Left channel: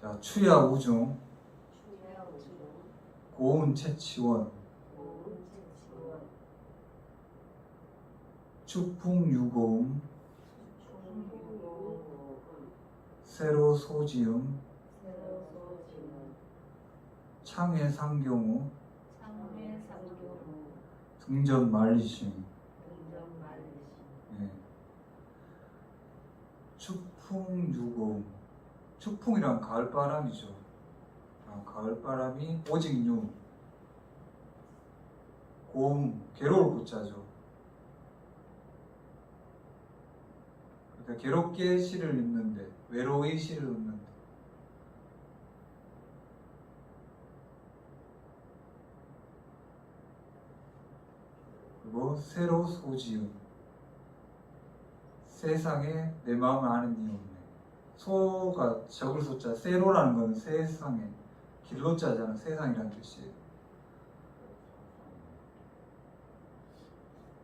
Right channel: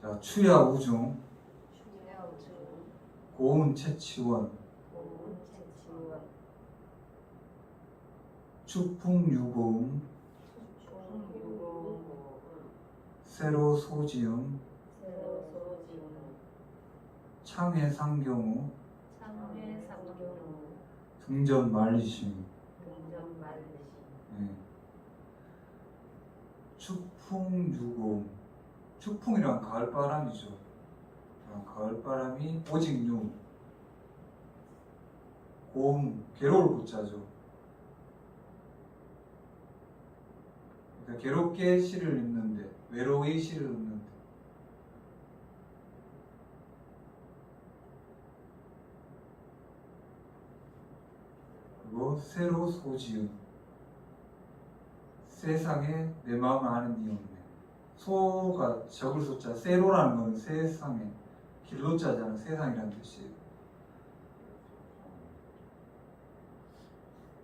자, 추야 우중, 고운 채치원, 추풍 유고음, 세로 소지음, 새로 소지음. 창의 상경우, 등전 말리심. 말리시 예. 추풍 유고음. 추풍이란 가을바람이죠. 어, 가을바람이 오직유. 고음, 괴로울 고자죠. 그러니까 괴롭게 시를 읽는데, 외로이 시를 읽는데. 그리고 새로 소지음. 세상에 내 마음을 아는 이 없네. 소가 적을 소자, 세로라는 건 세상에, 길로자잖아. 세상이라는 뜻이에요.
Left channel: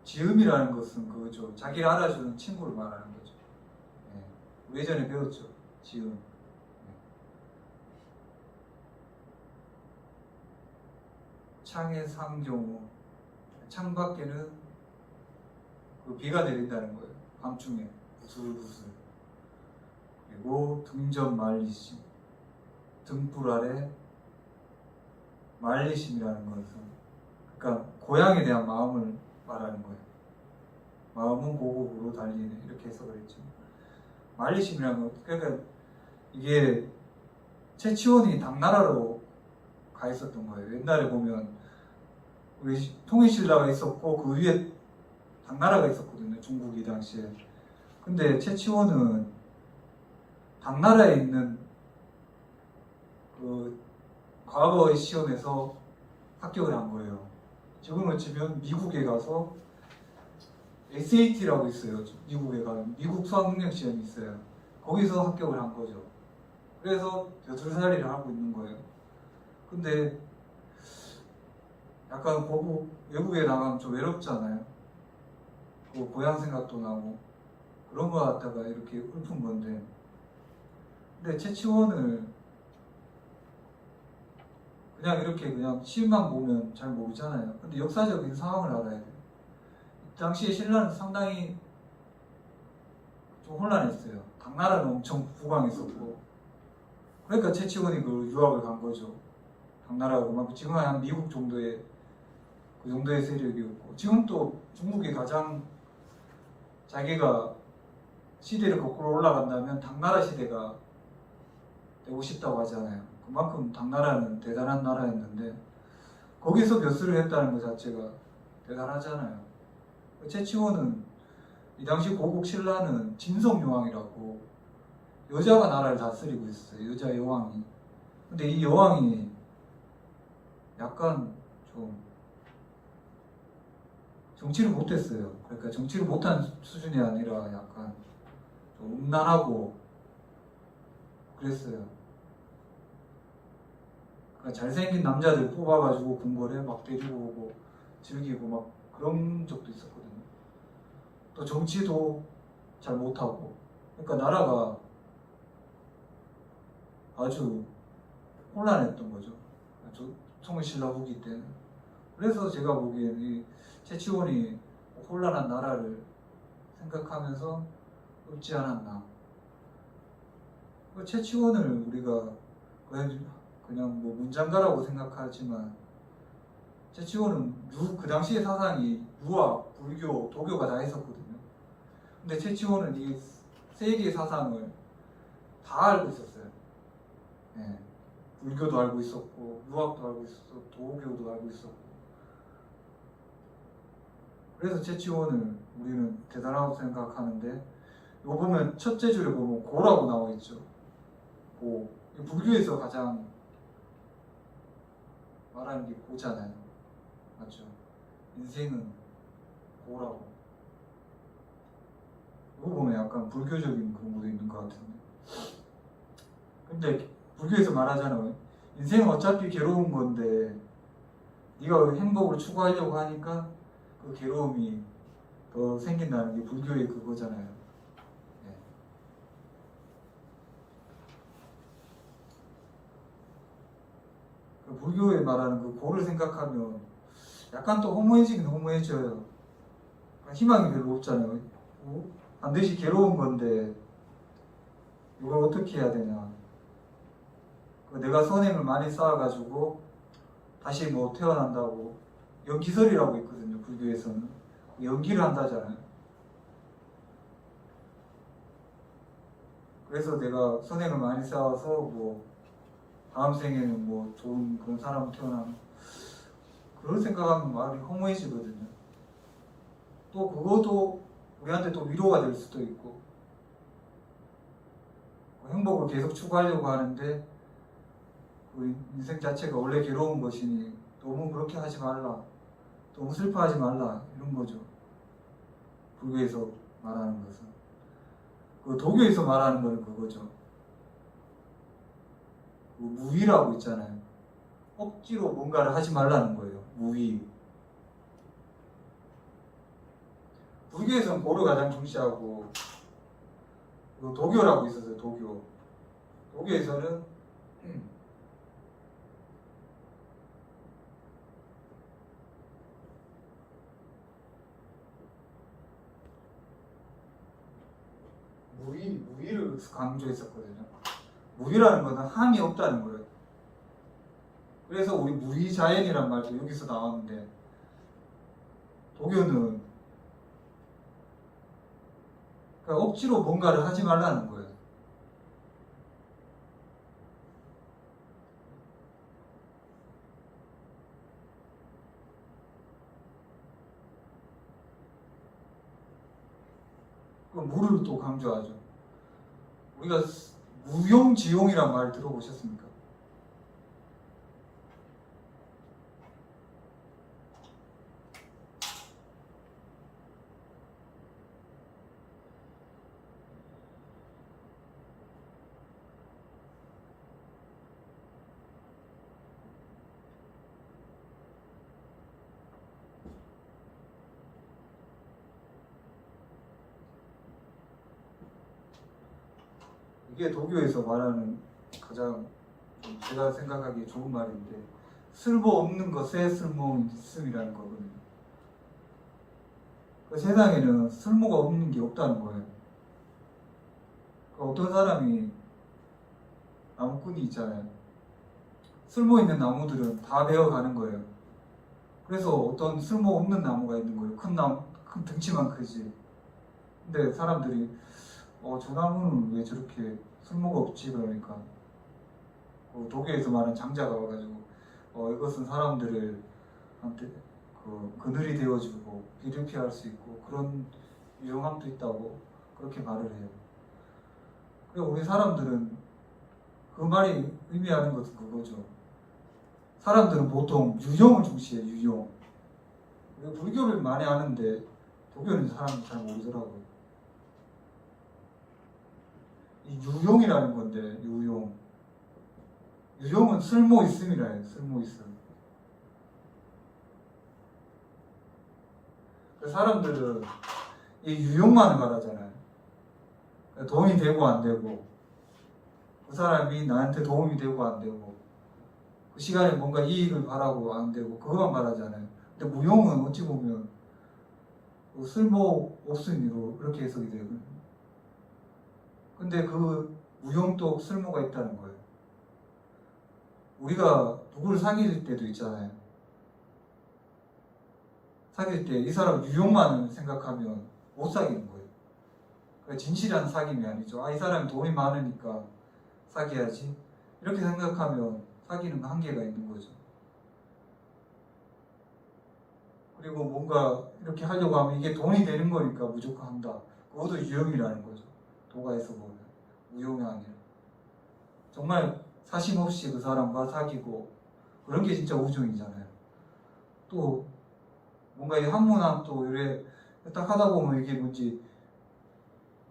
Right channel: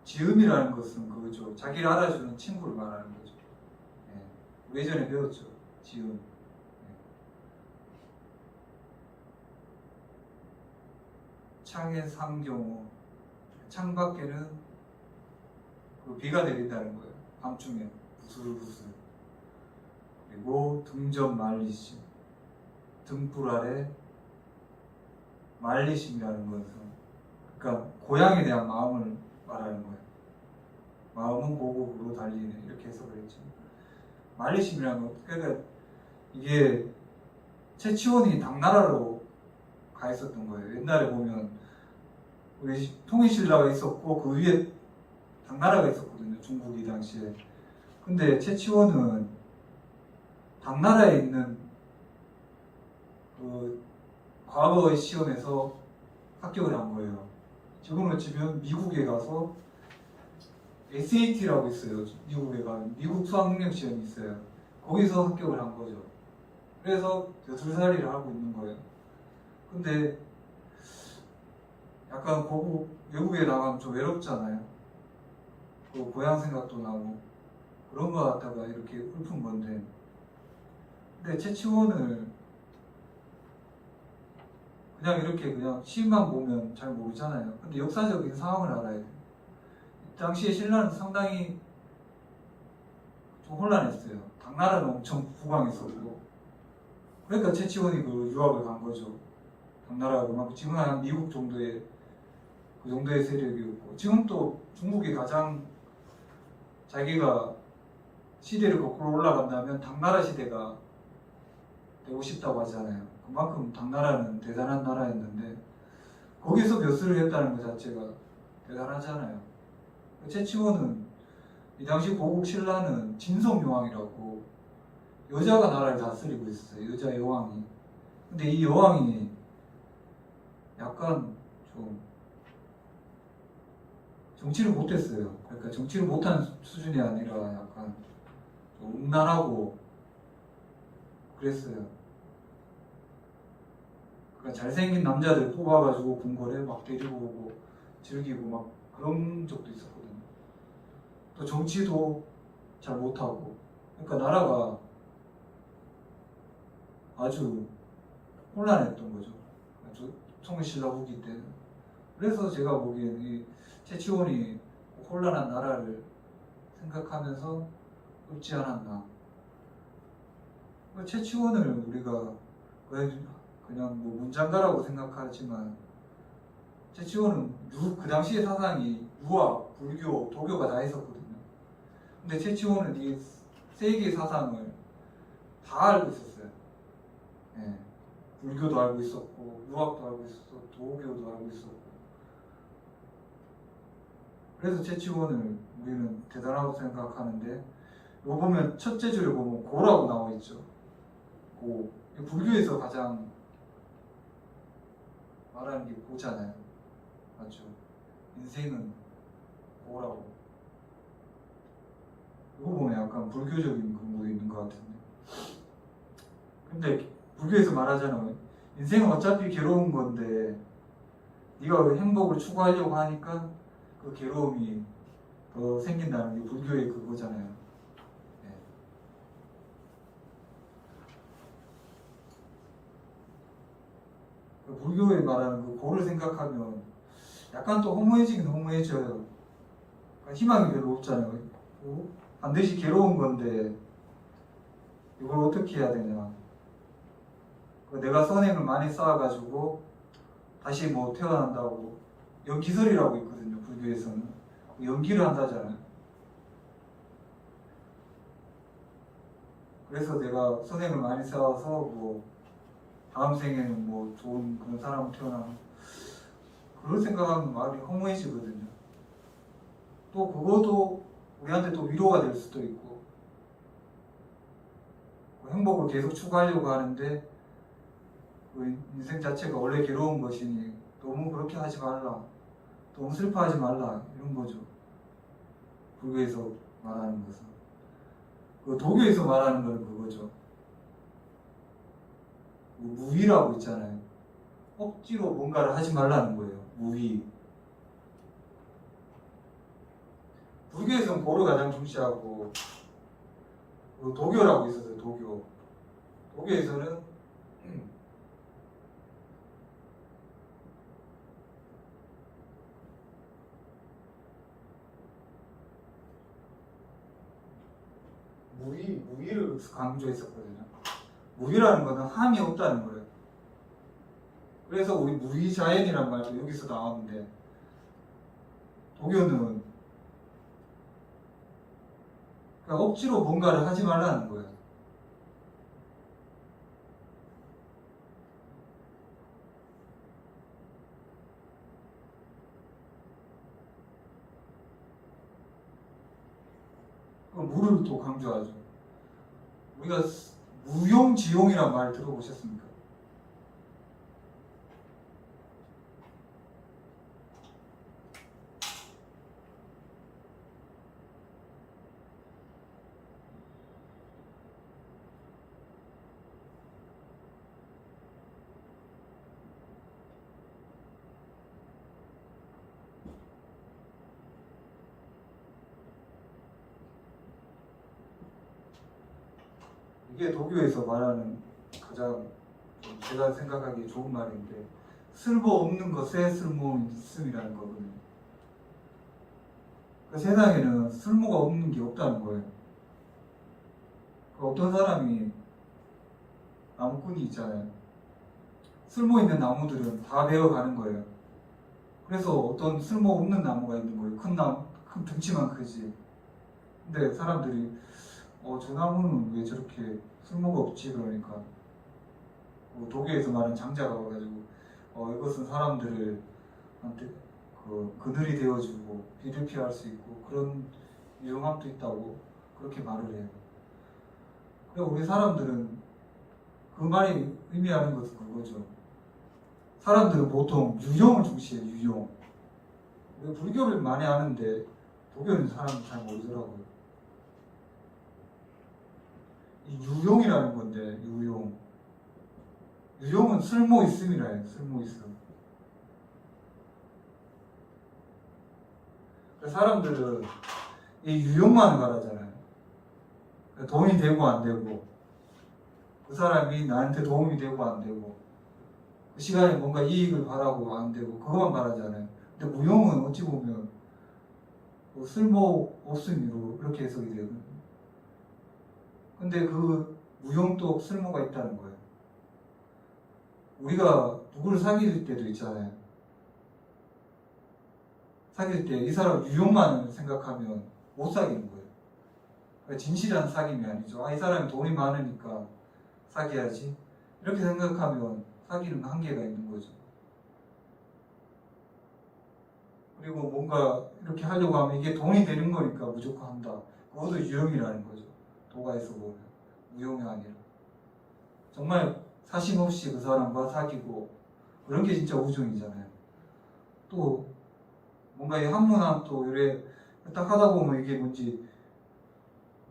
지음이라는 것은 그거죠. 자기를 알아주는 친구를 말하는 거죠. 예. 예전에 배웠죠. 지음. 예. 창의 상경우. 창 밖에는 그 비가 내린다는 거예요. 밤중에 부슬부슬. 그리고 등전 말리심. 등불 아래 말리심이라는 것은 그러니까 고향에 대한 마음을 말하는 거예요. 마음은 고국으로 달리는 이렇게 해석을 했죠. 말리심이라는 건 그러니까 이게 최치원이 당나라로 가 있었던 거예요. 옛날에 보면 우리 통일신라가 있었고 그 위에 당나라가 있었거든요. 중국이 당시에. 근데 최치원은 당나라에 있는 그 과거의 시험에서 합격을 한 거예요. 지금은 지금 미국에 가서 SAT라고 있어요. 미국에 가면 미국 수학능력 시험이 있어요. 거기서 합격을 한 거죠. 그래서 여둘살이를 하고 있는 거예요. 근데 약간 거부 외국에 나가면 좀 외롭잖아요. 그 고향 생각도 나고 그런 거 갖다가 이렇게 읊은 건데 근데 최치원을 그냥 이렇게 그냥 시만 보면 잘 모르잖아요. 근데 역사적인 상황을 알아야 돼요. 당시에 신라는 상당히 좀 혼란했어요. 당나라는 엄청 부강했었고 그러니까 최치원이 그 유학을 간 거죠. 당나라가 그만큼 지금은 한 미국 정도의 그 정도의 세력이었고 지금 또 중국이 가장 자기가 시대를 거꾸로 올라간다면 당나라 시대가 되고 싶다고 하잖아요. 그만큼 당나라는 대단한 나라였는데 거기서 벼슬을 했다는 것 자체가 대단하잖아요. 최치원은 이 당시 고국 신라는 진성여왕이라고 여자가 나라를 다스리고 있었어요. 여자 여왕이. 근데 이 여왕이 약간 좀 정치를 못했어요. 그러니까 정치를 못한 수준이 아니라 약간 좀 음란하고 그랬어요. 그러니까 잘생긴 남자들 뽑아가지고 궁궐에 막 데리고 오고 즐기고 막 그런 적도 있었거든요. 또 정치도 잘 못하고 그러니까 나라가 아주 혼란했던 거죠. 통일신라 후기 때는. 그래서 제가 보기에는 이 최치원이 혼란한 나라를 생각하면서 읊지 않았나. 그 최치원을 우리가 그냥 뭐 문장가라고 생각하지만 최치원은 유, 그 당시의 사상이 유학, 불교, 도교가 다 있었거든요. 근데 최치원은 이 세 개의 사상을 다 알고 있었어요. 예. 불교도 알고 있었고, 유학도 알고 있었고, 도교도 알고 있었고. 그래서 최치원을 우리는 대단하다고 생각하는데, 요 보면 첫째 줄에 보면 고라고 나와 있죠. 고. 이 불교에서 가장 말하는 게 고잖아요. 맞죠? 인생은 고라고. 이거 보면 약간 불교적인 그런 거 있는 것 같은데. 근데 불교에서 말하잖아. 인생은 어차피 괴로운 건데, 네가 왜 행복을 추구하려고 하니까 그 괴로움이 더 생긴다는 게 불교의 그거잖아요. 네. 그 불교에 말하는 그 고를 생각하면 약간 또 허무해지긴 허무해져요. 희망이 별로 없잖아요. 어? 반드시 괴로운 건데 이걸 어떻게 해야 되냐. 그 내가 선행을 많이 쌓아가지고 다시 뭐 태어난다고 연기설이라고 있거든요. 불교에서는 그 연기를 한다잖아요. 그래서 내가 선행을 많이 쌓아서 뭐 다음 생에는 뭐 좋은 그런 사람 태어나면 그런 생각하면 마음이 허무해지거든요. 또 그것도 우리한테 또 위로가 될 수도 있고 그 행복을 계속 추구하려고 하는데 그 인생 자체가 원래 괴로운 것이니 너무 그렇게 하지 말라 너무 슬퍼하지 말라 이런 거죠. 불교에서 말하는 것은 그 도교에서 말하는 거는 그거죠. 그 무위라고 있잖아요. 억지로 뭔가를 하지 말라는 거예요. 무위. 불교에서는 고를 가장 중시하고 그 도교라고 있었어요. 도교. 도교에서는 무위, 무위를 강조했었거든요. 무위라는 거는 함이 없다는 거예요. 그래서 우리 무위자연이란 말도 여기서 나왔는데 도교는 그러니까 억지로 뭔가를 하지 말라는 거예요. 무를 또 강조하죠. 우리가 무용지용이란 말 들어보셨습니까? 이게 도교에서 말하는 가장 좀 제가 생각하기에 좋은 말인데 쓸모 없는 것에 쓸모 있음이라는 거거든요. 그 세상에는 쓸모가 없는 게 없다는 거예요. 그 어떤 사람이 나무꾼이 있잖아요. 쓸모 있는 나무들은 다 베어가는 거예요. 그래서 어떤 쓸모 없는 나무가 있는 거예요. 큰 나무, 큰 등치만 크지. 근데 사람들이 어, 저 나무는 왜 저렇게 쓸모가 없지? 그러니까 그 독일에서 말하는 장자가 와가지고 어, 이것은 사람들을 한테 그 그늘이 되어주고 비를 피할 수 있고 그런 유용함도 있다고 그렇게 말을 해요. 그러니까 우리 사람들은 그 말이 의미하는 것은 그거죠. 사람들은 보통 유용을 중시해요. 유용. 우리 불교를 많이 아는데 독일은 사람들 잘 모르더라고요. 이 유용이라는 건데 유용. 유용은 쓸모 있음이라 해요 쓸모 있음. 그 사람들은 이 유용만 말하잖아요. 도움이 되고 안 되고. 그 사람이 나한테 도움이 되고 안 되고. 그 시간에 뭔가 이익을 바라고 안 되고 그것만 말하잖아요. 근데 무용은 어찌 보면 뭐 쓸모 없음으로 그렇게 해석이 되거든요 근데 그 무용도 쓸모가 있다는 거예요. 우리가 누구를 사귈 때도 있잖아요. 사귈 때 이 사람 유용만 생각하면 못 사귀는 거예요. 그러니까 진실한 사귐이 아니죠. 아, 이 사람이 돈이 많으니까 사귀어야지. 이렇게 생각하면 사귀는 한계가 있는 거죠. 그리고 뭔가 이렇게 하려고 하면 이게 돈이 되는 거니까 무조건 한다. 그것도 유용이라는 거죠. 도가에서 보면 우용이 아니라 정말 사심 없이 그 사람과 사귀고 그런 게 진짜 우정이잖아요. 또 뭔가 이 한문한 또 이래 딱 하다 보면 이게 뭔지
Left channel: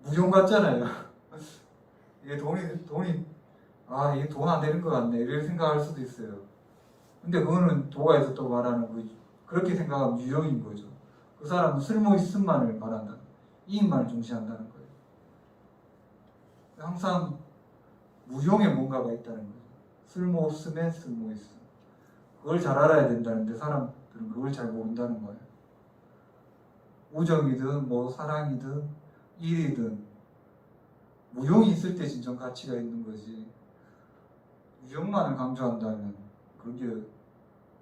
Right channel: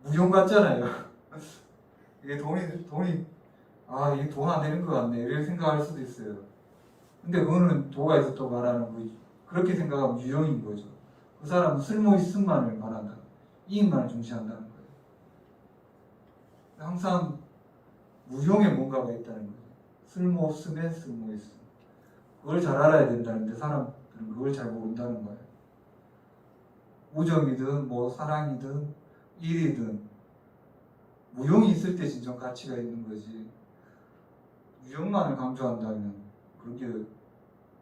무용 같잖아요. 이게 돈이 돈이 아 이게 돈 안 되는 것 같네 이렇게 생각할 수도 있어요. 근데 그거는 도가에서 또 말하는 거 그렇게 생각하면 유용인 거죠. 그 사람은 쓸모 있음만을 말한다. 이익만을 중시한다는. 항상 무용에 뭔가가 있다는 거예요. 쓸모 없음에 쓸모 있음. 그걸 잘 알아야 된다는데 사람들은 그걸 잘 모른다는 거예요. 우정이든 뭐 사랑이든 일이든 무용이 있을 때 진정 가치가 있는 거지. 유형만을 강조한다면 그런 게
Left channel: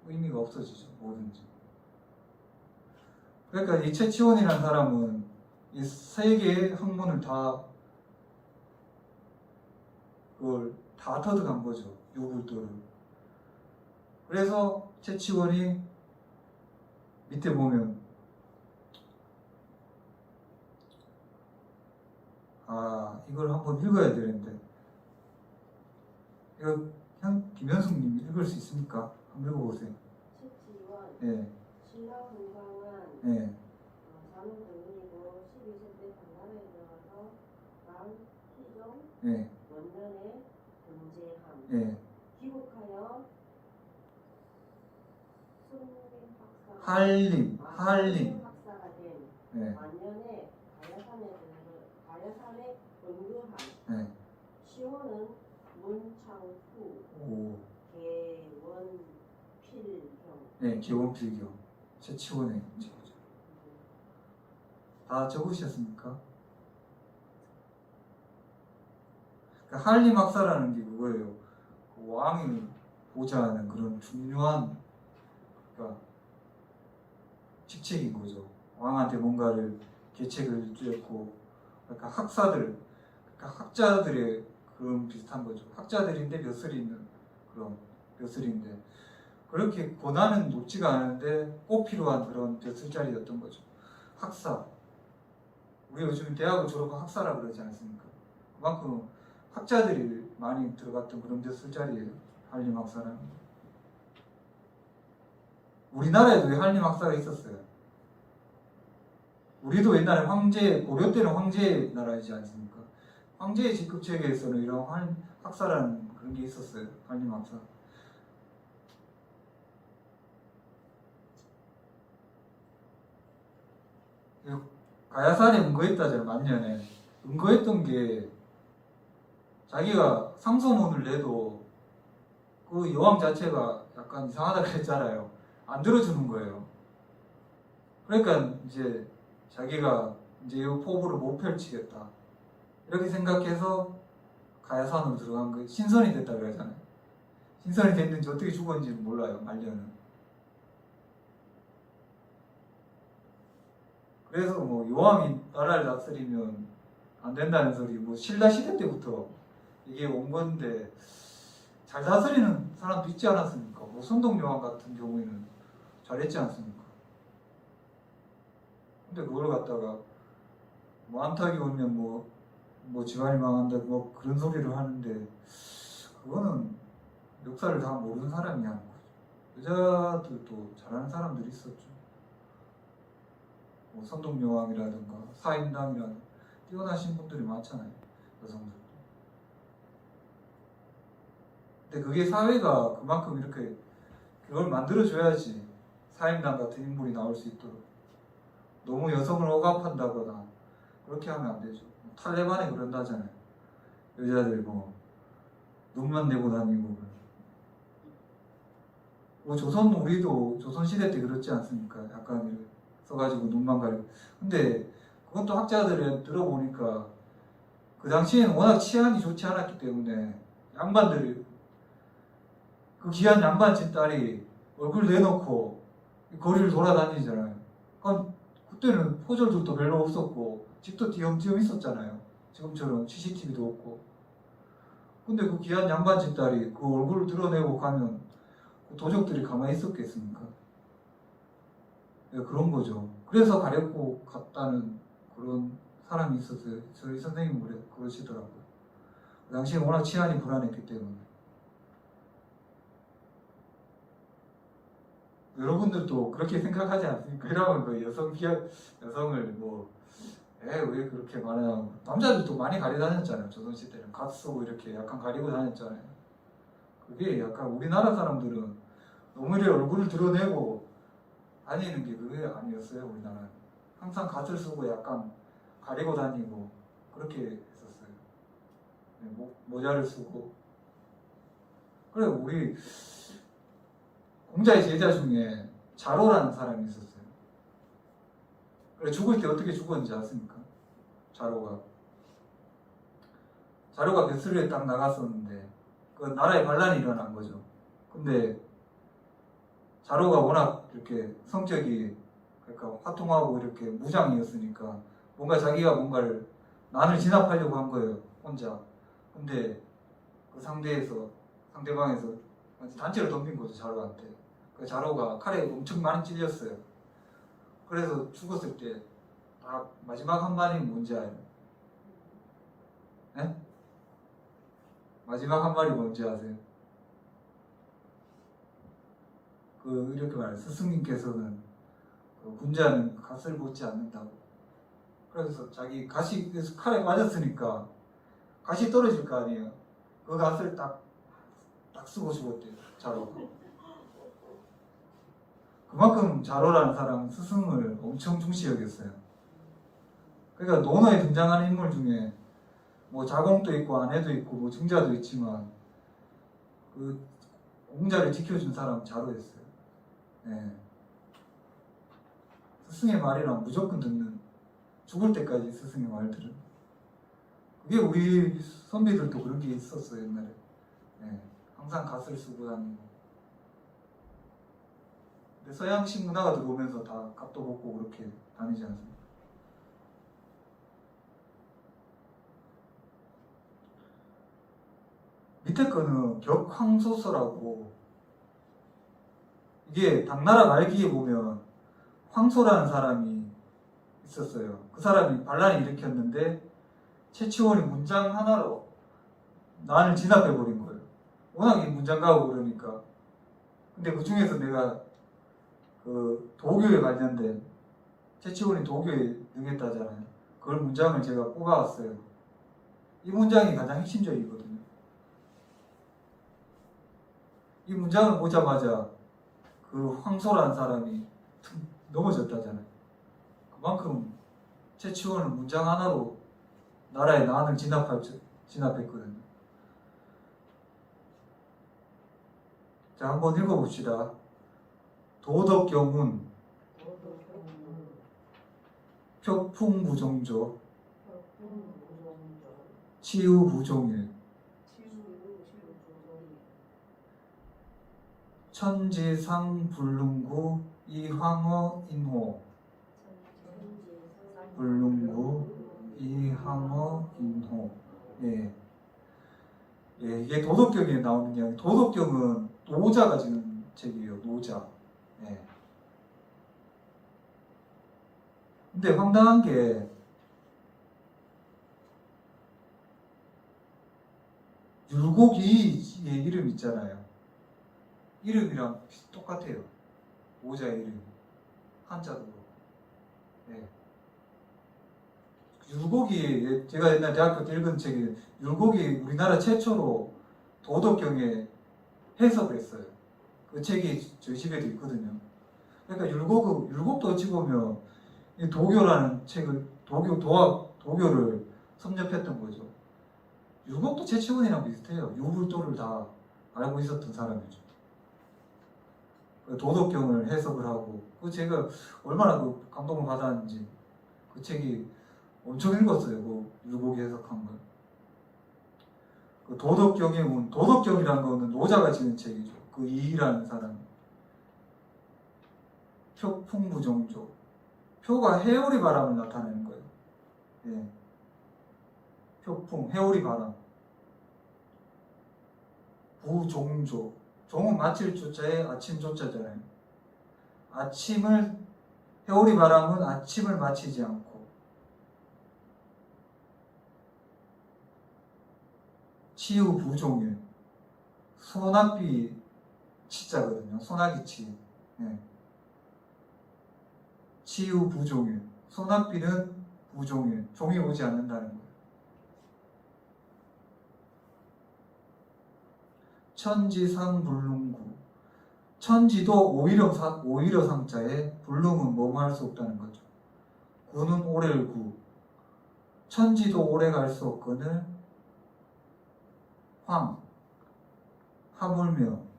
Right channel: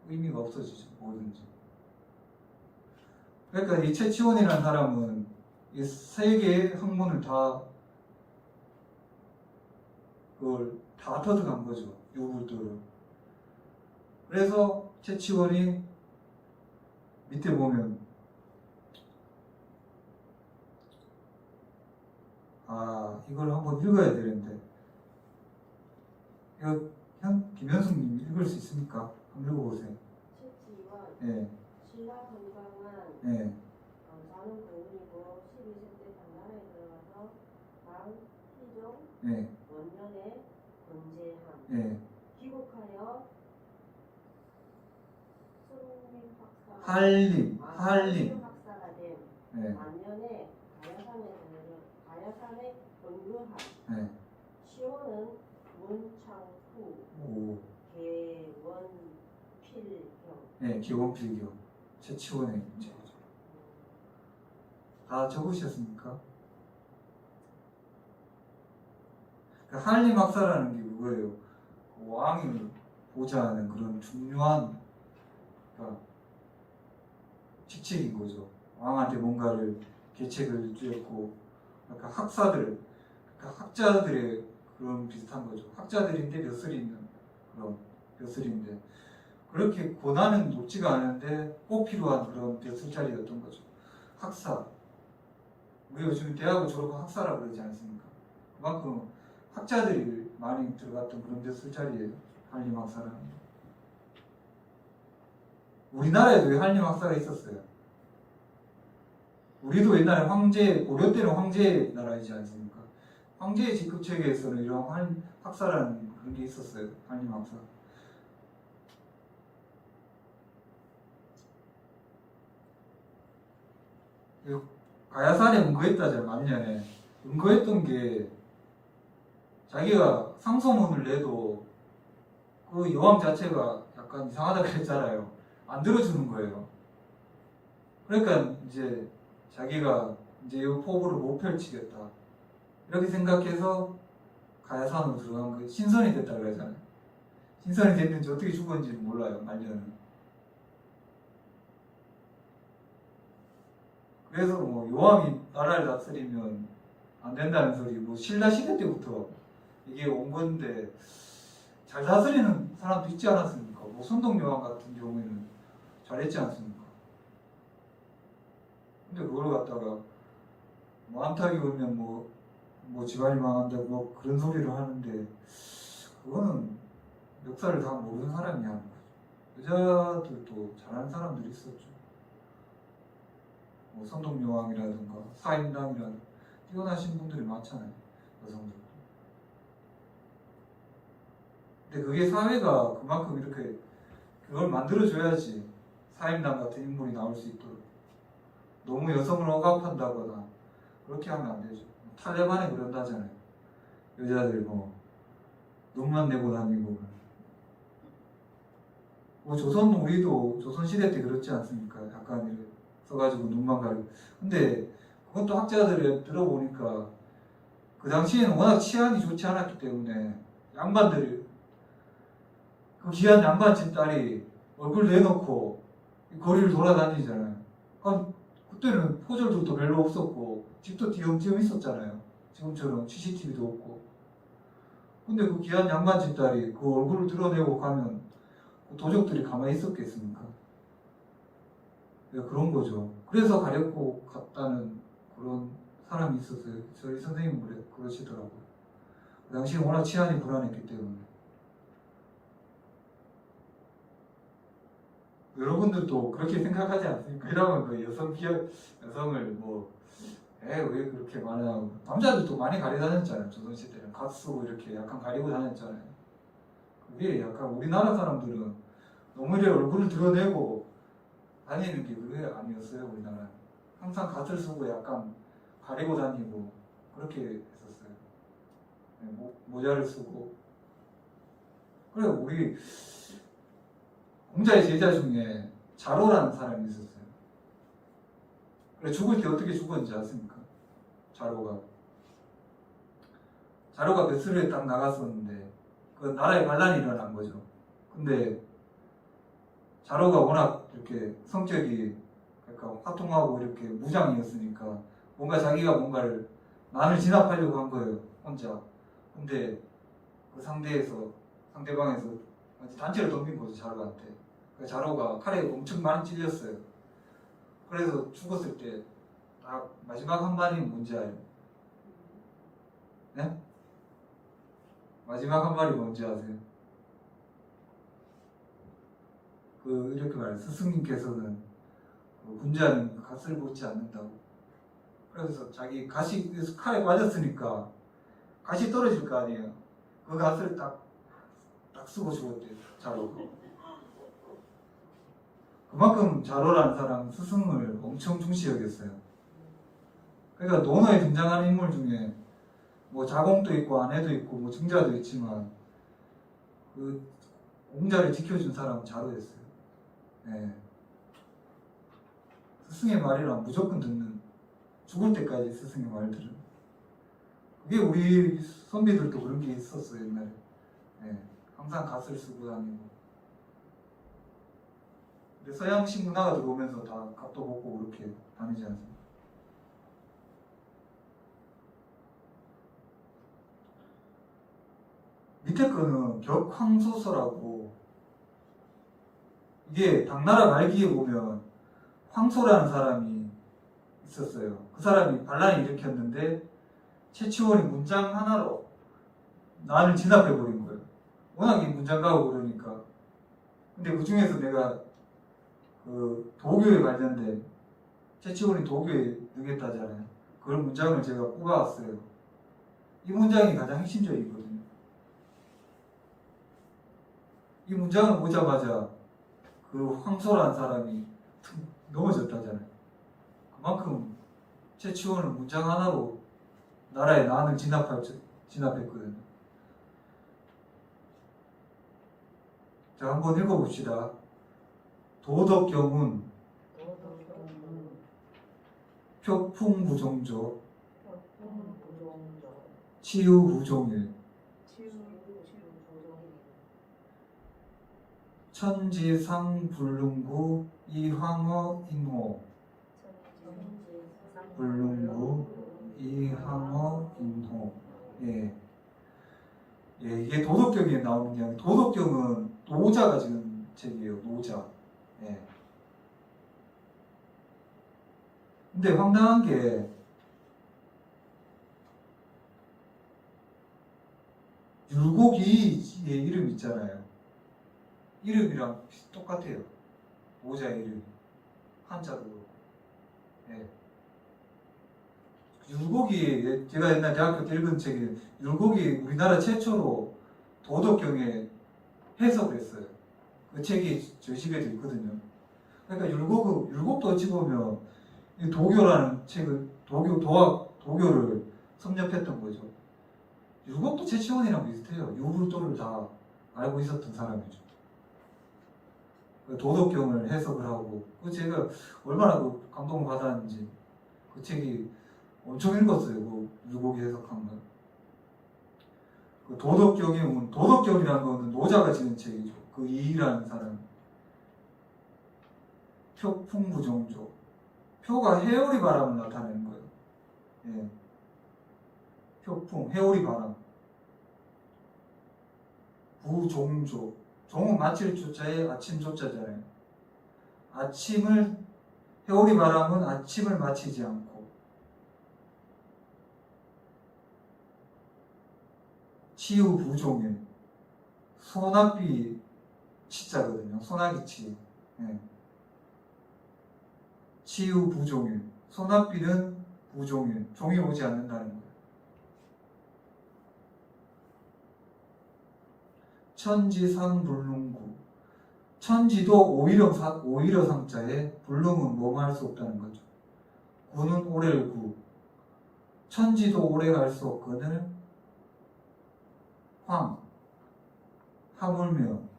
의미가 없어지죠 뭐든지. 그러니까 이 최치원이라는 사람은 이 세 개의 학문을 다 그걸 다 터득한 거죠 요구들을. 그래서 최치원이 밑에 보면 아 이걸 한번 읽어야 되는데 이거 형 김현숙님 읽을 수 있습니까? 한번 읽어보세요. 채치와 예, 신라 건강한 예, 어, 자는 공인이고 12세 때 방간에 들어가서 당 희종 예, 원년에 건재함 예. 귀국하여 순림 학사 한림, 아, 한림. 순림 학사가 된 예, 만년에 가야산에 가야산에 건거함 예. 시호는 문창후 오, 개원필형 예, 기원필교 최치원의 제죠. 다 적으셨습니까? 그러니까 한림 학사라는 게 그거예요. 그 왕이 보좌하는 그런 중요한 그러니까 직책인 거죠. 왕한테 뭔가를 계책을 쥐었고, 그러니까 학사들, 그러니까 학자들의 그런 비슷한 거죠. 학자들인데 벼슬이 있는 그런 벼슬인데 그렇게 고난은 높지가 않은데 꼭 필요한 그런 벼슬 자리였던 거죠. 학사. 우리 요즘 대학을 졸업한 학사라 그러지 않습니까? 그만큼 학자들이 많이 들어갔던 그런 벼슬 자리예요. 한림 학사라는. 게. 우리나라에도 이 한림 학사가 있었어요. 우리도 옛날에 황제 고려 때는 황제 나라이지 않습니까? 황제의 직급 체계에서는 이런 한 학사라는 그런 게 있었어요. 한림 학사. 이 가야산에 은거했다잖아요. 만년에 은거했던 게 자기가 상소문을 내도 그 여왕 자체가 약간 이상하다 그랬잖아요. 안 들어주는 거예요. 그러니까 이제 자기가 이제 이 포부를 못 펼치겠다. 이렇게 생각해서 가야산으로 들어간 거 신선이 됐다 그러잖아요. 신선이 됐는지 어떻게 죽었는지 몰라요. 말년은. 그래서 뭐 요함이 나라를 다스리면 안 된다는 소리 뭐 신라 시대 때부터 이게 온 건데 잘 다스리는 사람도 있지 않았습니까? 뭐 손동 요함 같은 경우에는 잘했지 않습니까? 근데 그걸 갖다가 뭐 안타기 오면 뭐, 뭐 집안이 망한다 뭐 그런 소리를 하는데 그거는 역사를 다 모르는 사람이 하는 거죠. 여자들도 잘하는 사람들이 있었죠. 뭐 선동여왕이라든가 사임당이라든가 뛰어나신 분들이 많잖아요. 여성들. 근데 그게 사회가 그만큼 이렇게 그걸 만들어줘야지 사임당 같은 인물이 나올 수 있도록 너무 여성을 억압한다거나 그렇게 하면 안 되죠. 탈레반에 그런다잖아요. 여자들 뭐 눈만 내고 다니고 뭐 조선 우리도 조선 시대 때 그렇지 않습니까? 약간 써가지고 눈만 가리고 근데 그것도 학자들을 들어보니까 그 당시에는 워낙 치안이 좋지 않았기 때문에 양반들 그 귀한 양반집 딸이 얼굴 내놓고 거리를 돌아다니잖아요. 그럼 그때는 포졸들도 별로 없었고 집도 뒤엄뒤엄 있었잖아요. 지금처럼 CCTV도 없고. 근데 그 귀한 양반 집 딸이 그 얼굴을 드러내고 가면 그 도적들이 가만히 있었겠습니까? 네, 그런 거죠. 그래서 가렵고 갔다는 그런 사람이 있었어요. 저희 선생님 그래, 그러시더라고요. 그 당시에 워낙 치안이 불안했기 때문에. 여러분들도 그렇게 생각하지 않습니까? 이러면 그 여성 피해, 여성을 뭐, 에, 왜 그렇게 말하냐고. 남자들도 많이 가려 다녔잖아요. 조선시대는. 갓 쓰고 이렇게 약간 가리고 다녔잖아요. 그게 약간 우리나라 사람들은 오히려 얼굴을 드러내고 다니는 게 그게 아니었어요. 우리나라는. 항상 갓을 쓰고 약간 가리고 다니고 그렇게 했었어요. 네, 모, 모자를 쓰고. 그래, 우리 공자의 제자 중에 자로라는 사람이 있었어요. 그래 죽을 때 어떻게 죽었는지 아십니까? 자로가 자로가 뱃슬에 딱 나갔었는데 그 나라에 반란이 일어난 거죠. 근데 자로가 워낙 이렇게 성격이 약간 화통하고 이렇게 무장이었으니까 뭔가 자기가 뭔가를 난을 진압하려고 한 거예요 혼자. 근데 그 상대에서 상대방에서 단체를 덤빈 거죠 자로한테. 그 자로가 칼에 엄청 많이 찔렸어요. 그래서 죽었을 때 아, 마지막 한 발이 뭔지 알아요? 네? 마지막 한 발이 뭔지 아세요? 그 이렇게 말해요. 스승님께서는 그 군자는 갓을 벗지 않는다고. 그래서 자기 갓이 칼에 맞았으니까 갓이 떨어질 거 아니에요. 그 갓을 딱, 딱 쓰고 죽었대요. 자로. 그만큼 자로라는 사람 스승을 엄청 중시 여겼어요. 그러니까 논어에 등장하는 인물 중에 뭐 자공도 있고 아내도 있고 뭐 증자도 있지만 그 공자를 지켜준 사람은 자로였어요. 예. 스승의 말이랑 무조건 듣는 죽을 때까지 스승의 말들을 그게 우리 선비들도 그런 게 있었어요 옛날에 예. 항상 갓을 쓰고 다니고 서양식 문화가 들어오면서 다 갓도 벗고 그렇게 다니지 않습니까? 밑에 거는 격황소서라고 이게 당나라 말기에 보면 황소라는 사람이 있었어요. 그 사람이 반란을 일으켰는데 최치원이 문장 하나로 난을 진압해 버린 거예요. 워낙 이 문장가고 그러니까. 근데 그 중에서 내가 그 도교에 관련된 최치원이 도교에 능했다잖아요. 그런 문장을 제가 뽑아왔어요. 이 문장이 가장 핵심적이거든요. 이 문장을 보자마자 그 황소라는 사람이 툭 넘어졌다잖아요. 그만큼 최치원은 문장 하나로 나라의 난을 진압할, 진압했거든요. 자, 한번 읽어봅시다. 도덕경운 표풍부정조 치유부종일 천지상불능구 이황어 임호 불능구 이황어 임호 예. 예, 이게 도덕경에 나오는 이야기 도덕경은 노자가 지은 책이에요 노자 예. 근데 황당한 게 율곡이의 이름 있잖아요. 이름이랑 똑같아요. 모자 이름. 한자로. 예. 율곡이, 제가 옛날 대학교 때 읽은 책이, 율곡이 우리나라 최초로 도덕경에 해석을 했어요. 그 책이 저희 집에도 있거든요. 그러니까 율곡, 율곡도 어찌 보면 이 도교라는 책을, 도교, 도학, 도교를 섭렵했던 거죠. 율곡도 최치원이랑 비슷해요. 유불도를 다 알고 있었던 사람이죠. 그 도덕경을 해석을 하고 그 제가 얼마나 그 감동을 받았는지 그 책이 엄청 읽었어요. 그 율곡이 해석한 걸. 그 도덕경에 온 도덕경이라는 거는 노자가 지은 책이죠. 그 이이라는 사람. 표풍부정조. 표가 해오리 바람을 나타내는 거예요. 예. 표풍, 해오리 바람. 부종조. 종은 마칠 조자에 아침 조자잖아요. 아침을, 해오리 바람은 아침을 마치지 않고. 치유 부종일. 소낙비 치자거든요. 소나기 치. 예. 치유 부종일. 소낙비는 부종일. 종이 오지 않는다는 거예요. 천지상불능구. 천지도 오히려 사, 오히려 상자에 불능은 뭐할 수 없다는 거죠. 구는 오래를 구. 천지도 오래 갈 수 없거늘 황. 하물며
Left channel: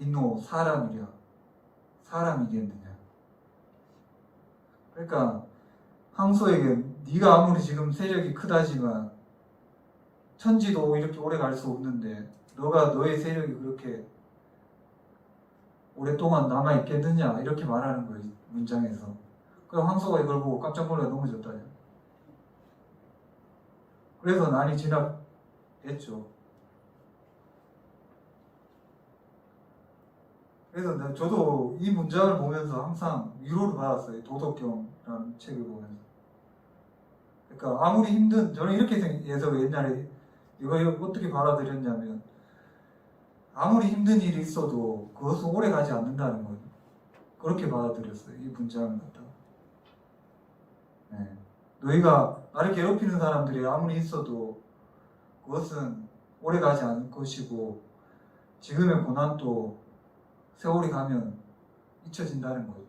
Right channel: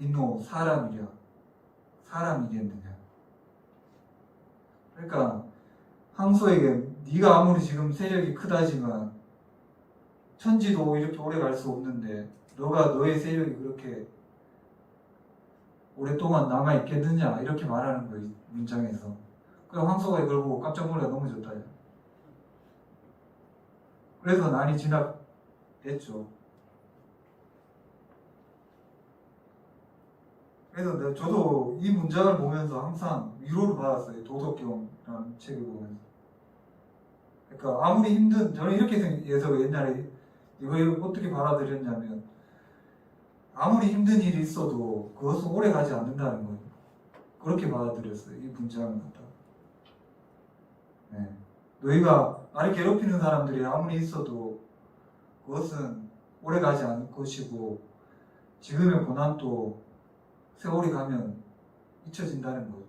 인노 사람이랴 사람이겠느냐 그러니까 황소에게 네가 아무리 지금 세력이 크다지만 천지도 이렇게 오래 갈 수 없는데 너가 너의 세력이 그렇게 오랫동안 남아 있겠느냐 이렇게 말하는 이 문장에서. 그 황소가 이걸 보고 깜짝 놀라 넘어졌다. 그래서 난이 진압했죠. 그래서 내가 저도 이 문장을 보면서 항상 위로를 받았어요. 도덕경이라는 책을 보면서. 그러니까 아무리 힘든 저는 이렇게 생각해서 옛날에 이거 어떻게 받아들였냐면 아무리 힘든 일이 있어도 그것은 오래 가지 않는다는 거예요. 그렇게 받아들였어요. 이 문장을 갖다가. 네. 너희가 나를 괴롭히는 사람들이 아무리 있어도 그것은 오래 가지 않을 것이고 지금의 고난도 세월이 가면 잊혀진다는 거예요.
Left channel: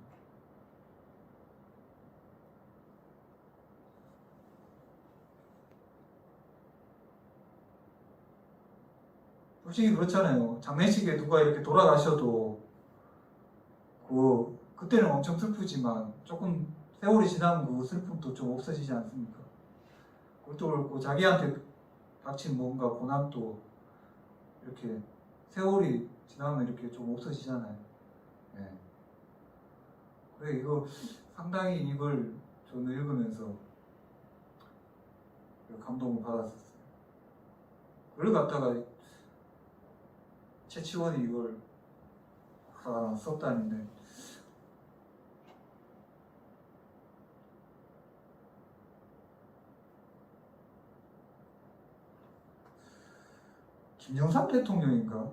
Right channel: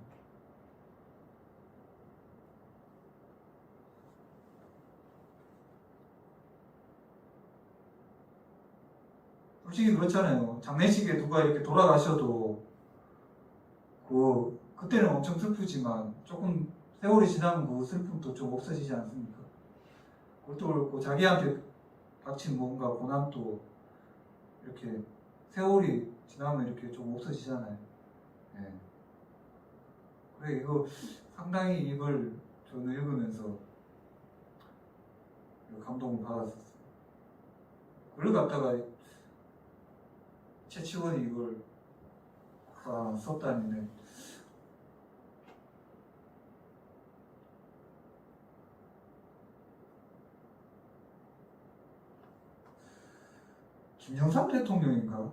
솔직히 그렇잖아요. 장례식에 누가 이렇게 돌아가셔도 그 그때는 엄청 슬프지만 조금 세월이 지나면 그 슬픔도 좀 없어지지 않습니까? 그것도 그렇고 자기한테 닥친 뭔가 고난도 이렇게 세월이 지나면 이렇게 좀 없어지잖아요. 예. 그래 이거 상당히 이걸 저는 읽으면서 감동을 받았었어요. 그걸 갖다가 최치원이 이걸 아, 썼다니네. 김영삼 대통령인가?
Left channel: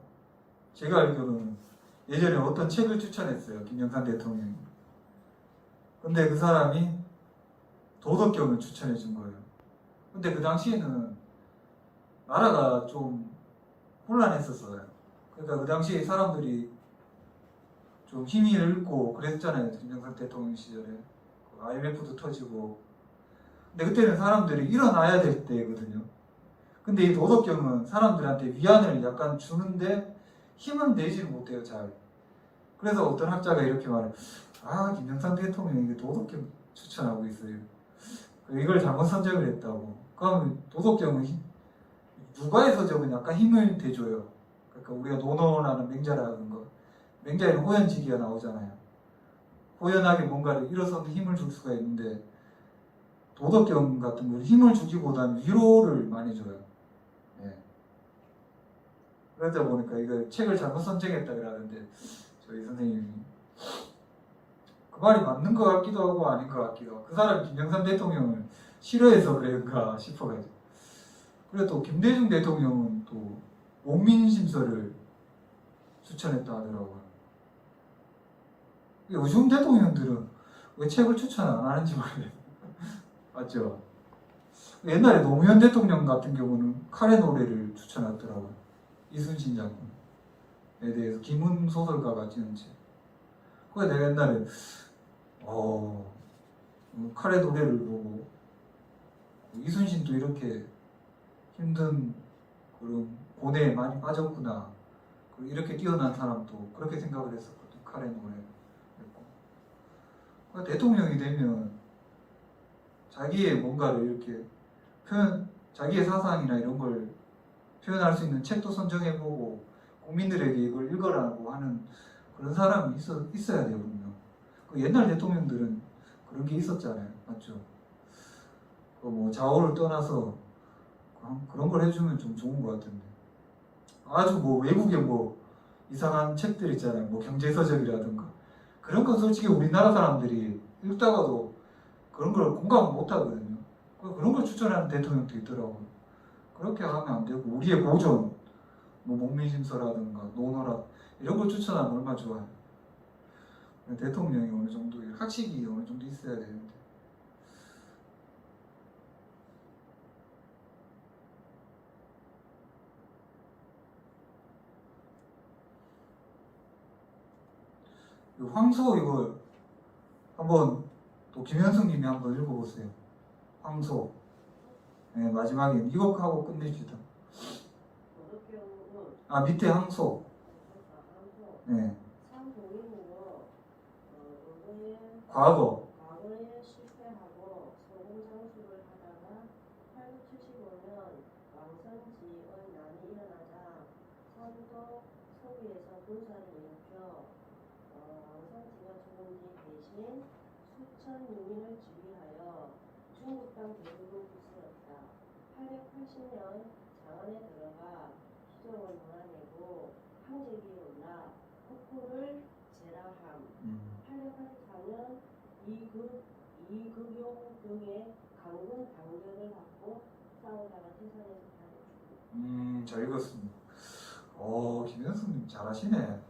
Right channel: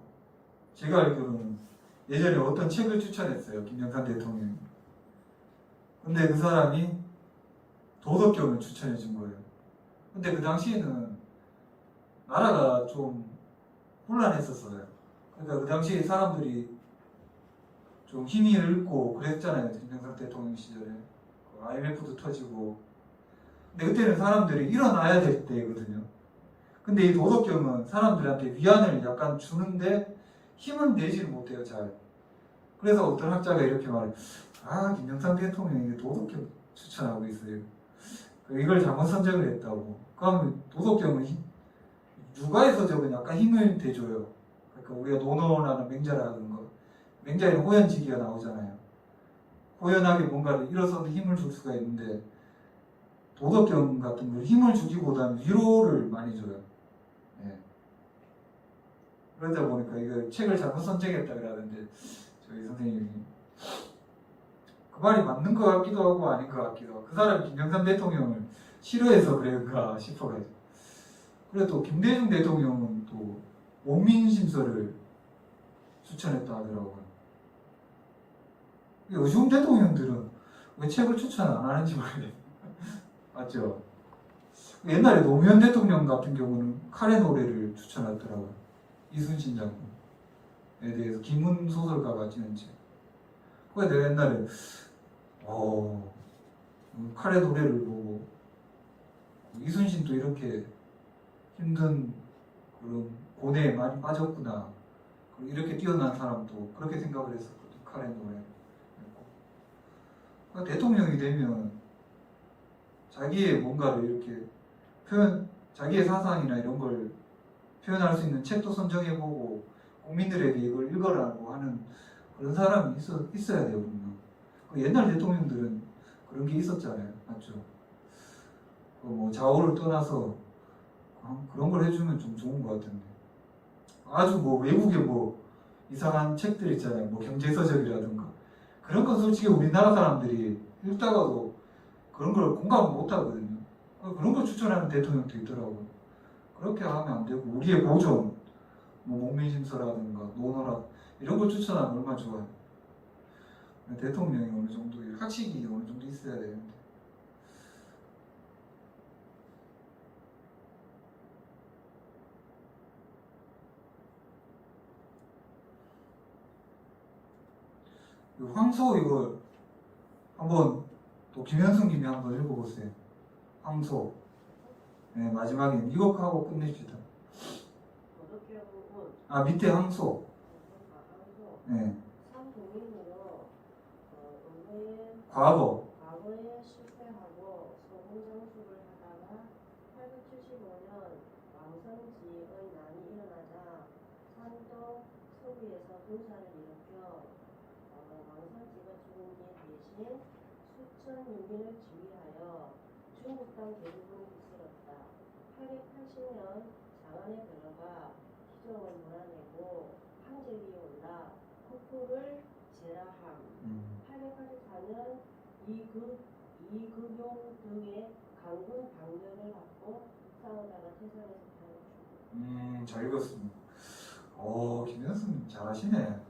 제가 알기로는 예전에 어떤 책을 추천했어요. 김영삼 대통령이. 근데 그 사람이 도덕경을 추천해 준 거예요. 근데 그 당시에는 나라가 좀 혼란했었어요. 그러니까 그 당시에 사람들이 좀 힘이 잃고 그랬잖아요. 김영삼 대통령 시절에. 그 IMF도 터지고. 근데 그때는 사람들이 일어나야 될 때거든요. 근데 이 도덕경은 사람들한테 위안을 약간 주는데 힘은 내지를 못해요, 잘. 그래서 어떤 학자가 이렇게 말해요. 아, 김영삼 대통령이 도덕경 추천하고 있어요. 이걸 잘못 선정을 했다고. 그럼 도덕경은 힘- 육아에서 적은 약간 힘을 대줘요. 그러니까 우리가 노노라는 맹자라는 거. 맹자에는 호연지기가 나오잖아요. 호연하게 뭔가를 일어서서 힘을 줄 수가 있는데 도덕경 같은 건 힘을 주기보다는 위로를 많이 줘요. 예. 그러다 보니까 이거 책을 잘못 선정했다 그러는데 저희 선생님이 그 말이 맞는 것 같기도 하고 아닌 것 같기도 하고 그 사람 김영삼 대통령을 싫어해서 그런가 싶어가지고 그리고 또 김대중 대통령은 또 원민심서를 추천했다 하더라고요. 이 요즘 대통령들은 왜 책을 추천 안 하는지 모르겠어요. 맞죠? 옛날에 노무현 대통령 같은 경우는 칼의 노래를 추천하더라고요. 이순신 장군에 대해서 김훈 소설가가 지은 책. 그래 내가 옛날에 어 칼의 노래를 보고 이순신도 이렇게 힘든 그런 고뇌에 많이 빠졌구나. 이렇게 뛰어난 사람도 그렇게 생각을 했었거든. 칼의 노래. 그러니까 대통령이 되면 자기의 뭔가를 이렇게 표현, 자기의 사상이나 이런 걸 표현할 수 있는 책도 선정해보고 국민들에게 이걸 읽어라고 하는 그런 사람이 있어, 있어야 돼요. 그 옛날 대통령들은 그런 게 있었잖아요. 맞죠? 그 뭐 좌우를 떠나서 그런- 걸 해주면 좀 좋은 것 같은데. 아주 뭐 외국에 뭐 이상한 책들 있잖아요. 뭐 경제서적이라든가. 그런 건 솔직히 우리나라 사람들이 읽다가도 그런 걸 공감을 못 하거든요. 그- 그런 걸 추천하는 대통령도 있더라고요. 그렇게 하면 안 되고, 우리의 고전, 뭐 목민심서라든가 노노라, 이런 걸 추천하면 얼마나 좋아요. 대통령이 어느 정도, 학식이 어느 정도 있어야 되는데. 이 황소 이거 한번 또 김현승님이 한번 읽어보세요. 황소. 네, 마지막에 이거 하고 끝내줍시다. 도덕경은 아 밑에. 가상소 네. 상동인으로 어, 과거. 과거에 실패하고 소금 장수를 하다가 875년 왕선지의 난이 일어나자 산도 서부에서 군사를 일으켜 어, 수천 유민을 지휘하여 중국 땅 대부분. 880년 장안에 들어가 시정을 몰아내고 항제기에 올라 국호를 제라함. 음. 884년 이극, 이극용 등의 강군 방면을 받고 싸우다가 태산에서 탈출. 음, 잘 읽었습니다. 오, 김현수님 잘하시네.